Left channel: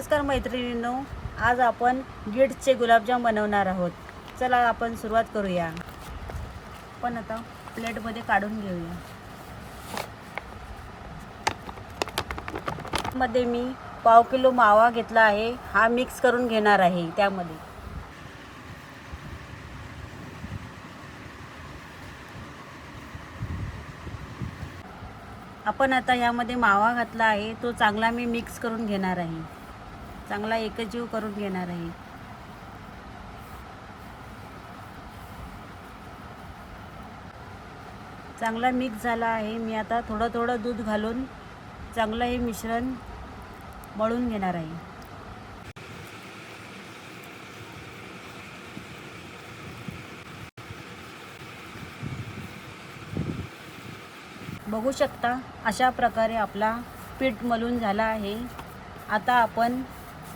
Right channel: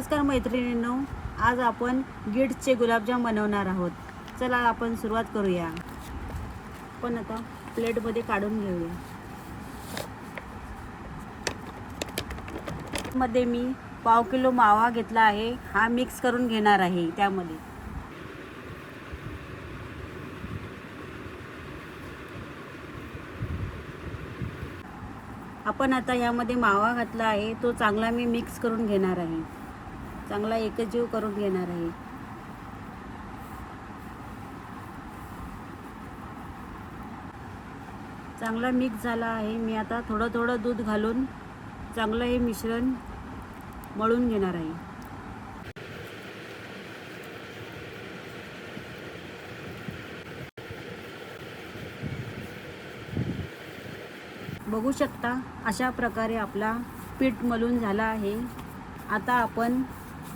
नमस्कार मैत्रिणींनो आज आपण गिट्सचे गुलाबजाम बनवणार आहोत. चला आपण सुरुवात करूया. पण आता प्लेटमध्ये काढून घेऊया. मध्ये मी पाव किलो मावा घेतला आहे. हा मिक्स करून घेणार आहे त्यामध्ये. आपण आता यामध्ये मावा घातला आहे. तो चांगला मी मिक्स करून घेणार आहे. चांगला एकजीव करून घेणार आहे. चांगला मिक्स झाला आहे. मी आता थोडं थोडं दूध घालून चांगलं हे मिश्रण मळून घेणार आहे. बघू शकता अशा प्रकारे आपला पीठ मलून झाला आहे. आता आपण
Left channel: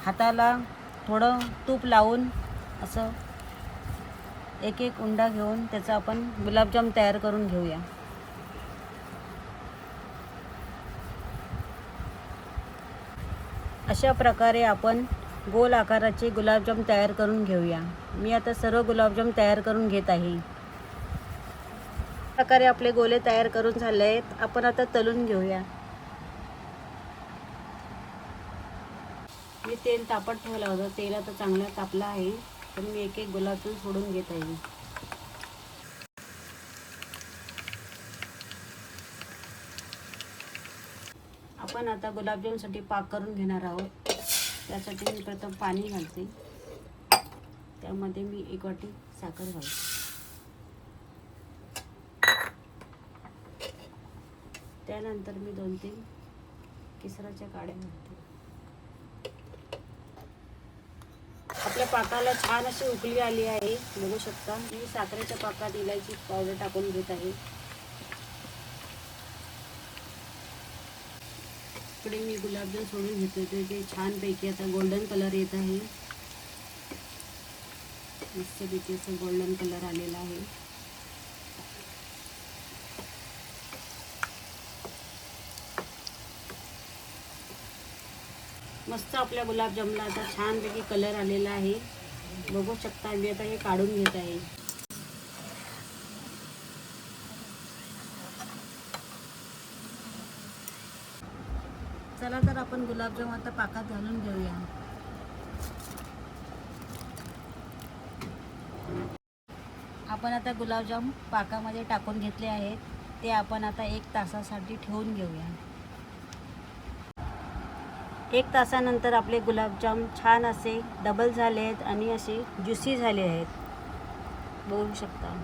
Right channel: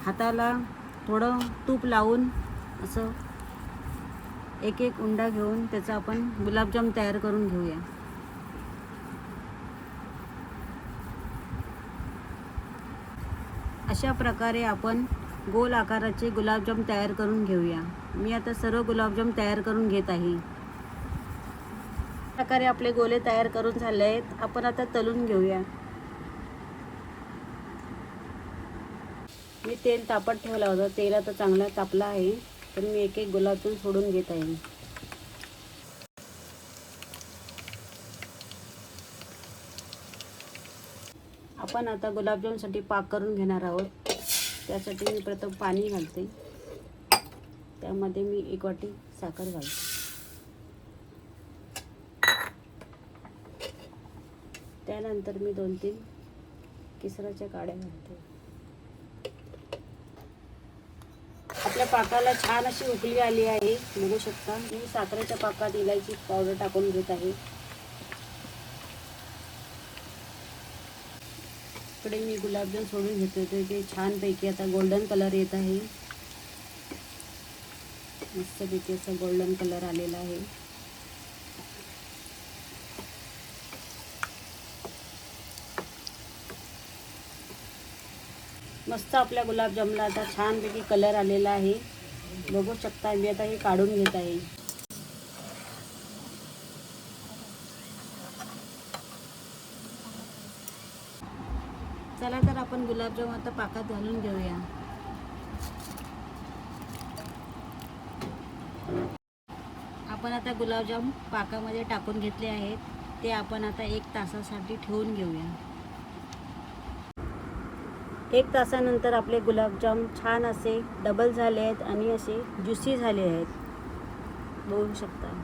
हाताला थोडं तूप लावून असं एक एक उंडा घेऊन त्याचा आपण गुलाबजाम तयार करून घेऊया. अशा प्रकारे आपण गोल आकाराचे गुलाबजाम तयार करून घेऊया. मी आता सर्व गुलाबजाम तयार करून घेत आहे. प्रकारे आपले गोले तयार करून झाले आहेत. आपण आता तलून घेऊया. मी तेल तापत ठेवलं होतं. तेल आता चांगला तापला आहे. तर मी एक एक गुलाबजाम सोडून घेत आहे. आपण आता गुलाबजामसाठी पाक करून घेणार आहोत. त्यासाठी मी प्रथम पाणी घालते. त्यामध्ये मी एक वाटी साखर घालते. त्यानंतर मी दोन तीन किसराच्या काड्या घालते. पाकाला छान अशी उकळी आली आहे. बघू शकता. मी साखरेच्या पाकात इलायची पावडर टाकून घेत आहे. इकडे मी गुलाबजाम सोडून घेत. होते ते छानपैकी आता गोल्डन कलर येत आहे. मस्तपैकी असं गोल्डन कलर आलेला आहे. मस्त आपल्या गुलाबजामला आता छानपैकी कलर आलेला आहे. बघू शकता मी आता हे काढून घेत आहे. चला तर आपण गुलाबजाम आता पाकात घालून घेऊया. आपण आता गुलाबजाम पाकामध्ये टाकून घेतले आहेत. ते आपण आता एक तासासाठी ठेवून घेऊया. एक तासानंतर आपले गुलाबजाम छान असे डबल झाले आहेत आणि असे ज्युसी झाले आहेत. बघू शकता.